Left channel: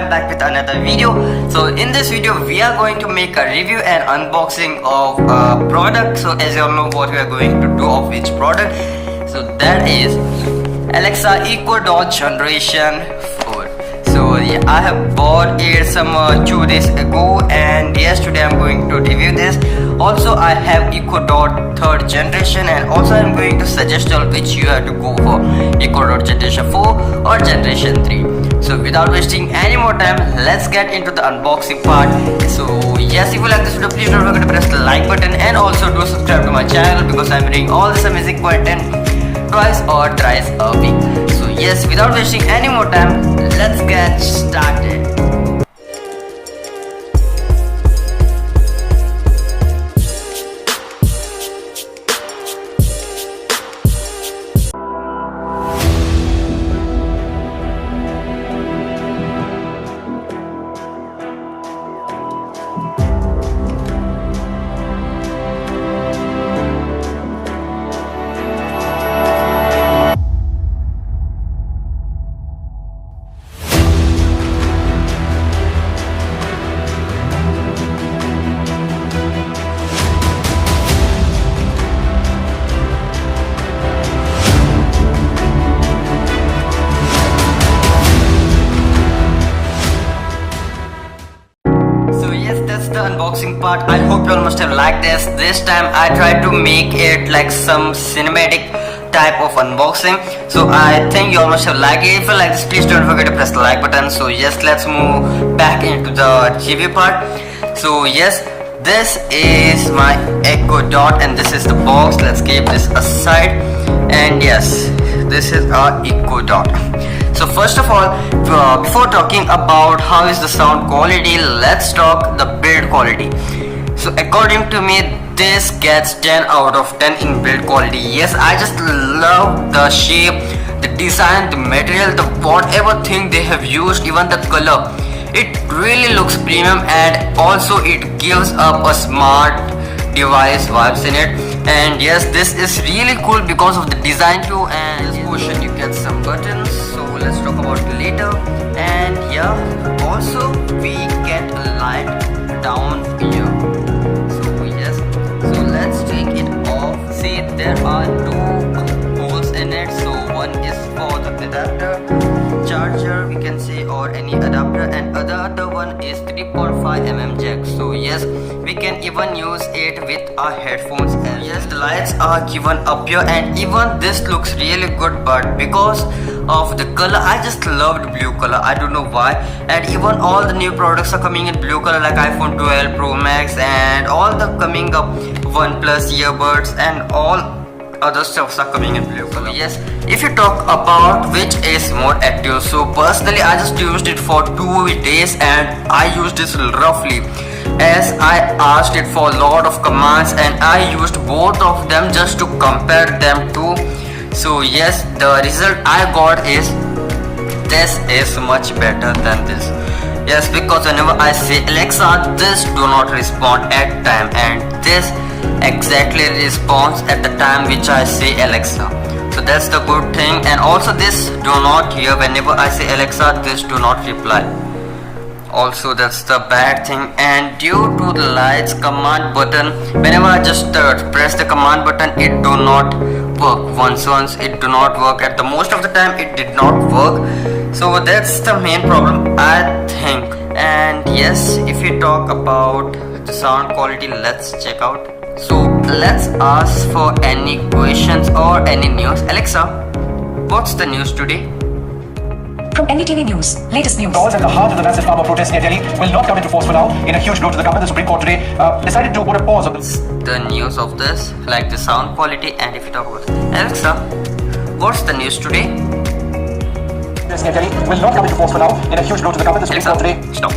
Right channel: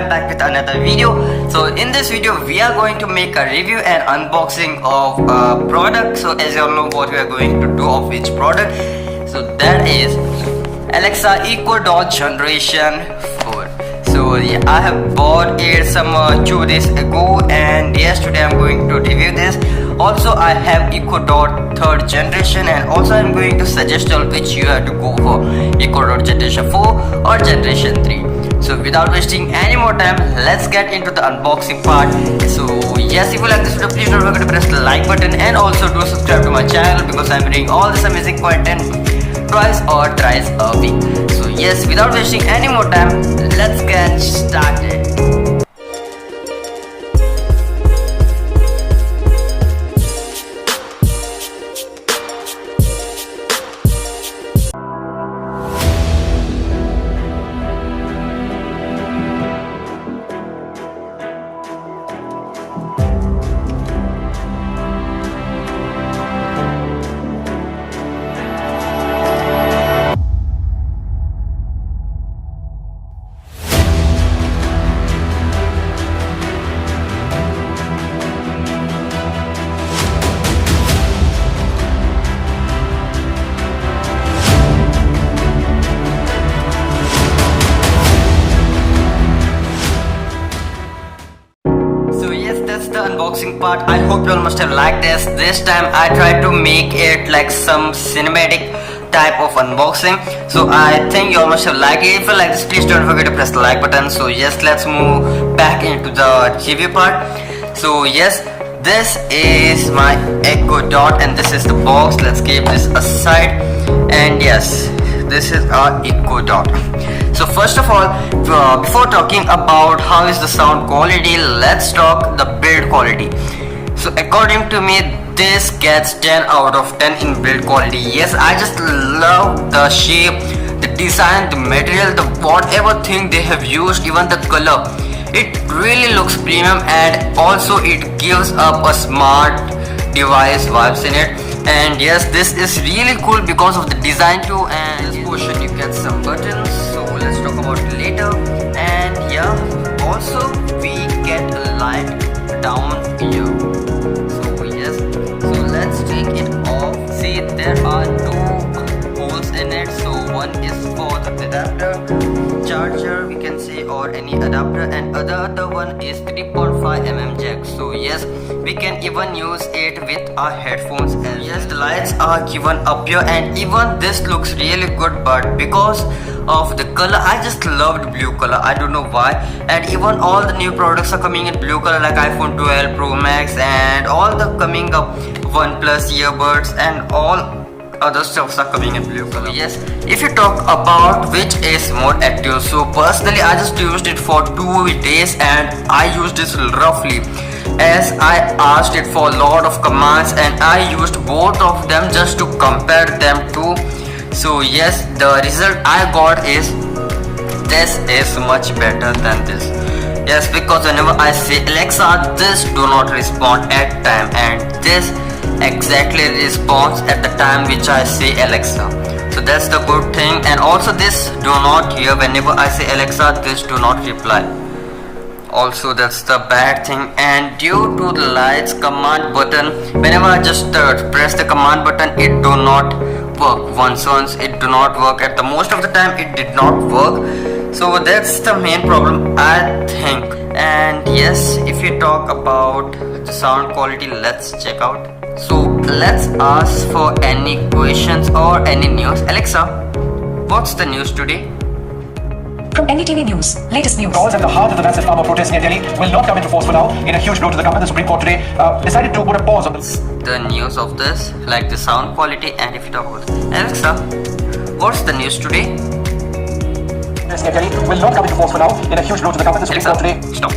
I'm back with another video. So in this video we are going to make a review and unboxing of a product. So as you all know what we are going to do of which product. So that is Alexa Echo Dot Generation 4. So yeah, I have bought it some 2 days ago, and yes, today I'm going to review this. Also I have Echo Dot 3rd generation, and also I'm going to suggest on which you have to go for, Echo Dot Generation 4 or Generation 3. So without wasting any more time, let's get into the unboxing part. So yes, if you like this video, please don't forget to press the like button and also do subscribe to my channel, because I'm bringing all this amazing content twice or thrice a week. So yes, without wasting any more time, let's get started. The unboxing part. I hope you all must have liked this. This time I tried to make it like some cinematic type of unboxing. So I think you all must have liked it. If you like this, please don't forget to press the like button. So yes, let's move back into the review part. So yes, this is my Echo Dot and this is the box. Let's keep this aside. And yes, this is our Echo Dot. So first of all, before talking about how is the sound quality, let's talk the build quality. So according to me, this gets 10 out of 10 in build quality. Yes, I just love the shape, the design, the material, the whatever thing they have used, even the color. It really looks premium, and also it gives up a smart device vibes in it. And yes, this is really cool because of the design too. And this portion you get some buttons. Let's talk about it later. And yeah, also we get a light down here. So yes, so let's take it off. See, there are 2 holes in it. So one is for the adapter charger, we can say, or any adapter, and the other one is 3.5mm jack. So yes, we can even use it with our headphones. And yes, the lights are given up here, and even this looks really good, but because of the color, I just loved blue color. I don't know why. And even all the new products are coming in blue color, like iPhone 12 Pro Max and all the coming up OnePlus earbuds and all other stuffs are coming in blue color. Yes, if you talk about which is more active, so personally I just used it for 2 days and I used this roughly, as I asked it for a lot of commands and I used both of them just to compare them to. So yes, the result I got is this is much better than this. Yes, because whenever I say Alexa, this do not respond at time, and this exactly responds at the time which I say Alexa. So that's the good thing. And also this do not hear whenever I say Alexa, this do not reply. Also that's the bad thing. And due to the lights command button, whenever I just press the command button, it do not work. Once it do not work. At the most of the time it did not work. So that's the main problem, I think. And yes, if you talk about the sound quality, let's check out. So let's ask for any questions or any news. Alexa, what's the news today? NDTV News. Latest news. At the heart of the massive farmer protests near Delhi will not come into force for now. In a huge blow to the government, the Supreme Court today decided to put a pause on this. The news of this, like the sound quality. And if you talk about Alexa, what's the news today? This near Delhi will not come into force for now. In a huge blow to the government, the Supreme Court today. Stop.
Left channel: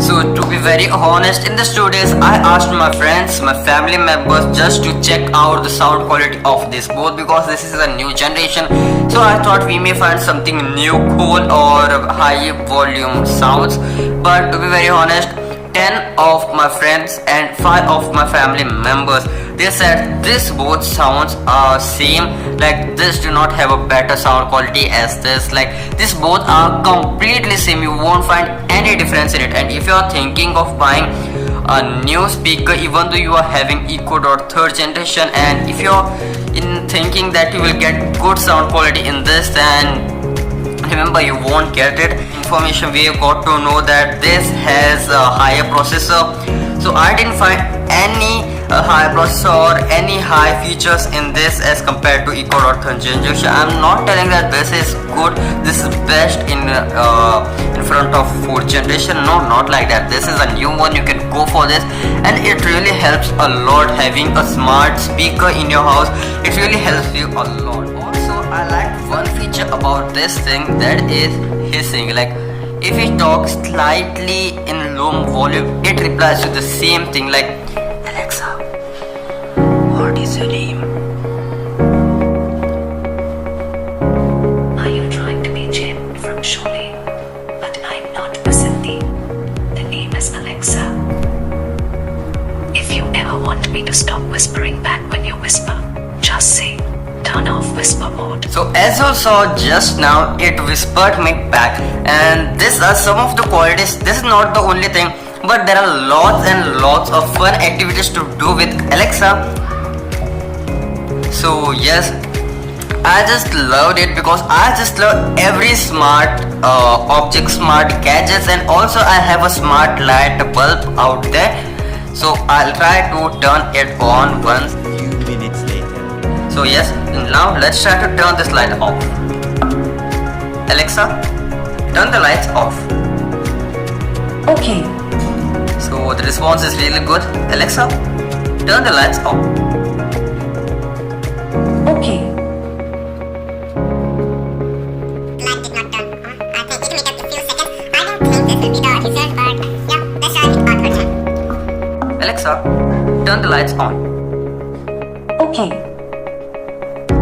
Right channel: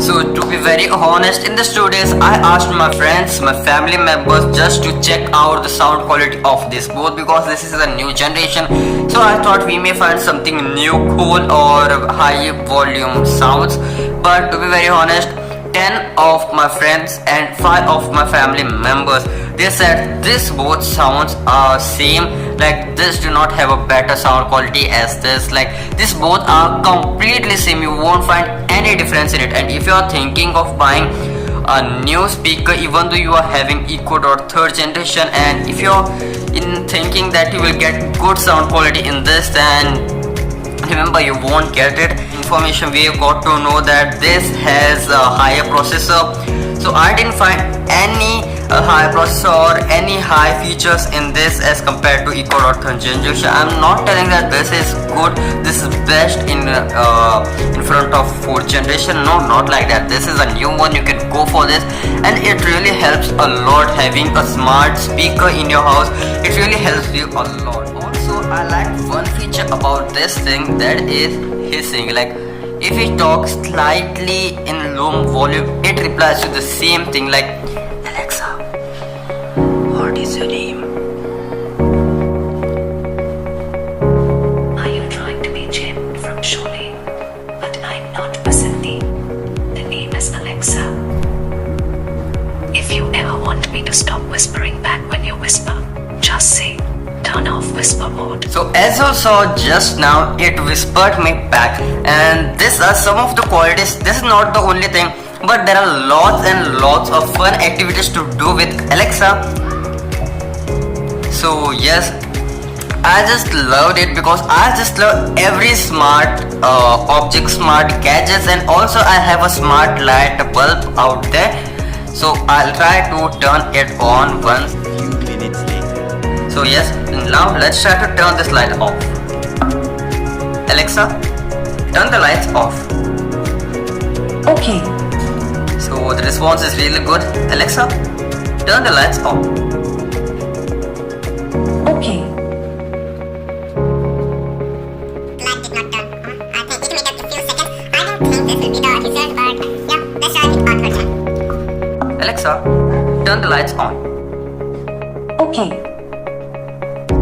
So to be very honest, in the studios I asked my friends, my family members just to check out the sound quality of this both, because this is a new generation. So I thought we may find something new, cool or high volume sounds. But to be very honest, 10 10 of my friends and 5 of my family members. They said this both sounds are same, like this do not have a better sound quality as this, like this both are completely same, you won't find any difference in it. And if you are thinking of buying a new speaker, even though you are having Echo Dot 3rd generation, and if you're in thinking that you will get good sound quality in this, then remember you won't get it. Information we got to know that this has a higher processor, so I didn't find any higher processor or any high features in this as compared to Echo Dot 3rd generation. I'm not telling that this is good, this is best in front of 4th generation, no, not like that. This is a new one, you can go for this, and it really helps a lot having a smart speaker in your house. It really helps you a lot. Also, I like one feature about this thing, that is hissing. Like if you talk slightly in low volume, it replies to the same thing, like Alexa, what is your name? Are you trying to be Jim from Sholay? But I'm not Vasanthi. The name is Alexa. If you ever want me to stop whispering back when you whisper, just say, turn off whisper mode. So as you saw just now, it whispered me back, and these are some of the qualities. This is not the only thing, but there are lots and lots of fun activities to do with Alexa. So yes, I just loved it because I just love every smart object, smart gadgets, and also I have a smart light bulb out there. So I'll try to turn it on once. Few minutes later. So yes, now let's try to turn this light off. Alexa, turn the lights off. Okay. So the response is really good. Alexa, turn the lights off. Okay. Alexa, turn the lights on. Okay.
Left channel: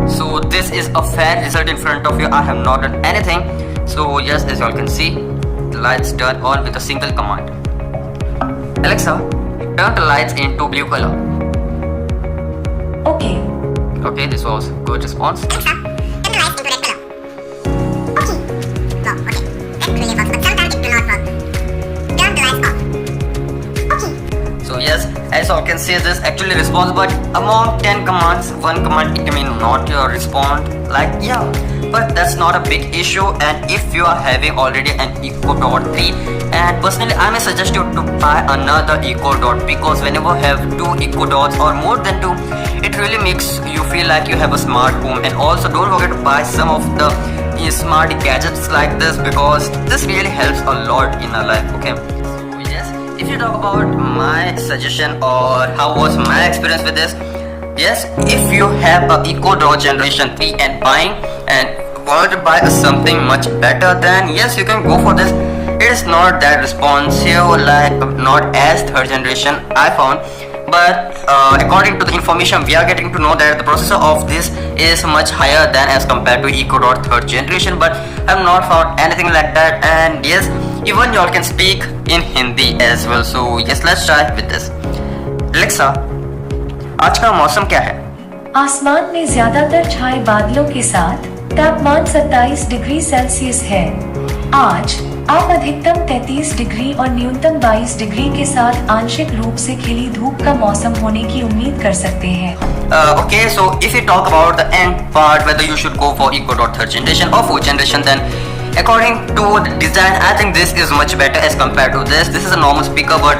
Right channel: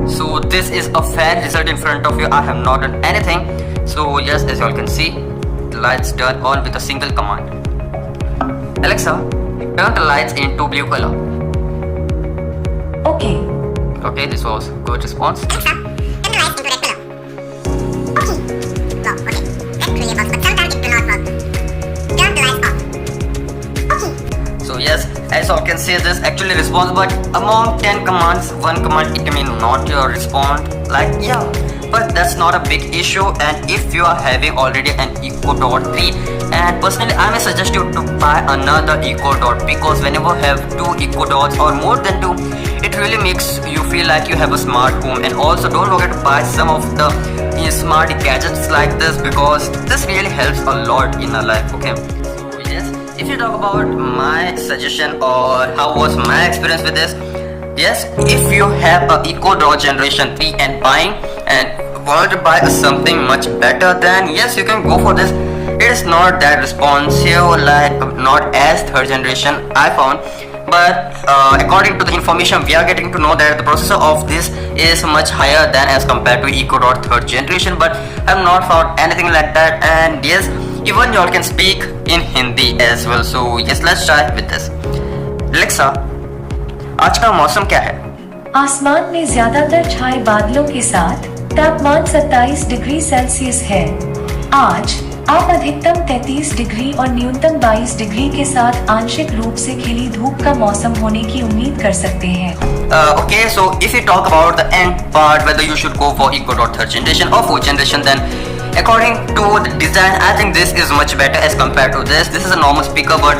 So this is a fair result in front of you. I have not done anything. So yes, as you all can see, the lights turn on with a single command. Alexa, turn the lights into blue color. Okay. Okay, this was good response. So yes, as you all can see, this actually responds, but among 10 commands, one command it may not respond. Like yeah, but that's not a big issue. And if you are having already an Echo Dot 3, and personally I may suggest you to buy another Echo Dot, because whenever you have 2 Echo Dots or more than 2, it really makes you feel like you have a smart home. And also don't forget to buy some of the smart gadgets like this, because this really helps a lot in our life. Okay, so yes, if you talk about my suggestion or how was my experience with this, yes, if you have a Echo Dot generation 3 and buying and want to buy something much better, then yes, you can go for this. It is not that responsive, like not as 3rd generation I found, but according to the information we are getting to know that the processor of this is much higher than as compared to Echo Dot 3rd generation, but I have not found anything like that. And yes, even y'all can speak in Hindi as well. So yes, let's try with this. Alexa, आज का मौसम क्या है? आसमान में ज्यादातर छाए बादलों के साथ तापमान 27 डिग्री सेल्सियस है। आज आप अधिकतम 33 डिग्री और न्यूनतम 22 डिग्री के साथ आंशिक रूप से खिली धूप का मौसम होने की उम्मीद कर सकते हैं। Okay, so if you talk about the end part, whether you should go for Echo Dot 3rd generation or 4th generation, then according to the design, I think this is much better as compared to this. This is a normal speaker, but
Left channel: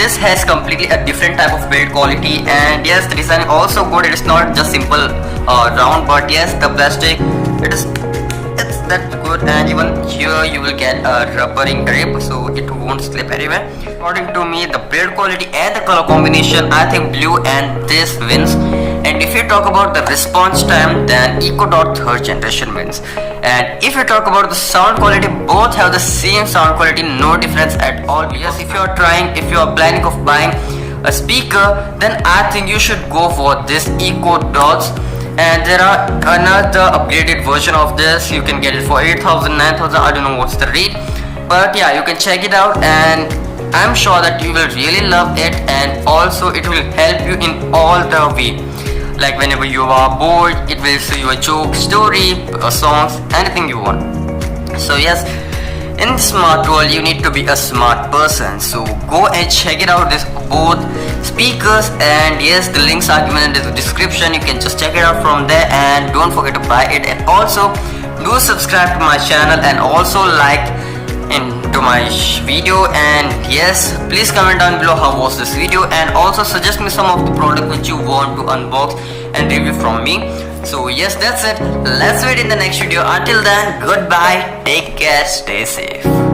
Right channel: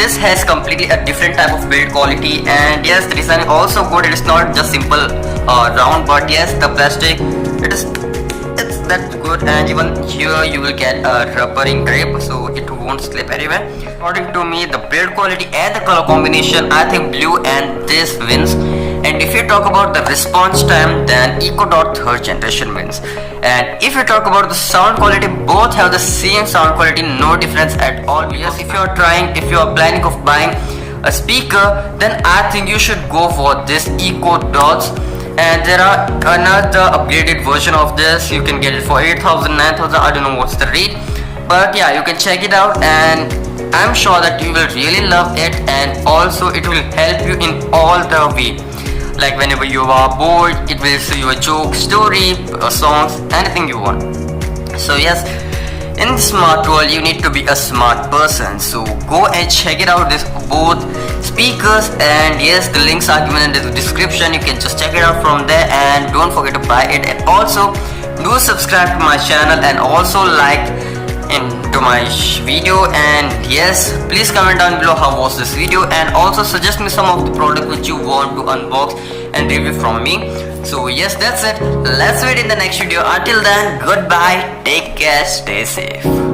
this has completely a different type of build quality. And yes, the design is also good. It is not just simple round, but yes, the plastic, it's that good. And even here you will get a rubbering grip, so it won't slip anywhere. According to me, the build quality and the color combination, I think blue and this wins. And if you talk about the response time, then Echo Dot 3rd generation wins. And if you talk about the sound quality, both have the same sound quality, no difference at all. Yes, if you are planning of buying a speaker, then I think you should go for this Echo Dots. And there are another upgraded version of this. You can get it for 8,000, 9,000. I don't know what's the rate, but yeah, you can check it out. And I'm sure that you will really love it, and also it will help you in all the way. Like whenever you are bored, it will show you a joke, story, songs, anything you want. So yes, in the smart world you need to be a smart person. So go and check it out, this both speakers, and yes, the links are given in the description. You can just check it out from there, and don't forget to buy it. And also do subscribe to my channel, and also like into my video. And yes, please comment down below how was this video, and also suggest me some of the product which you want to unbox and review from me. So yes, that's it. Let's meet in the next video. Until then, goodbye, take care, stay safe.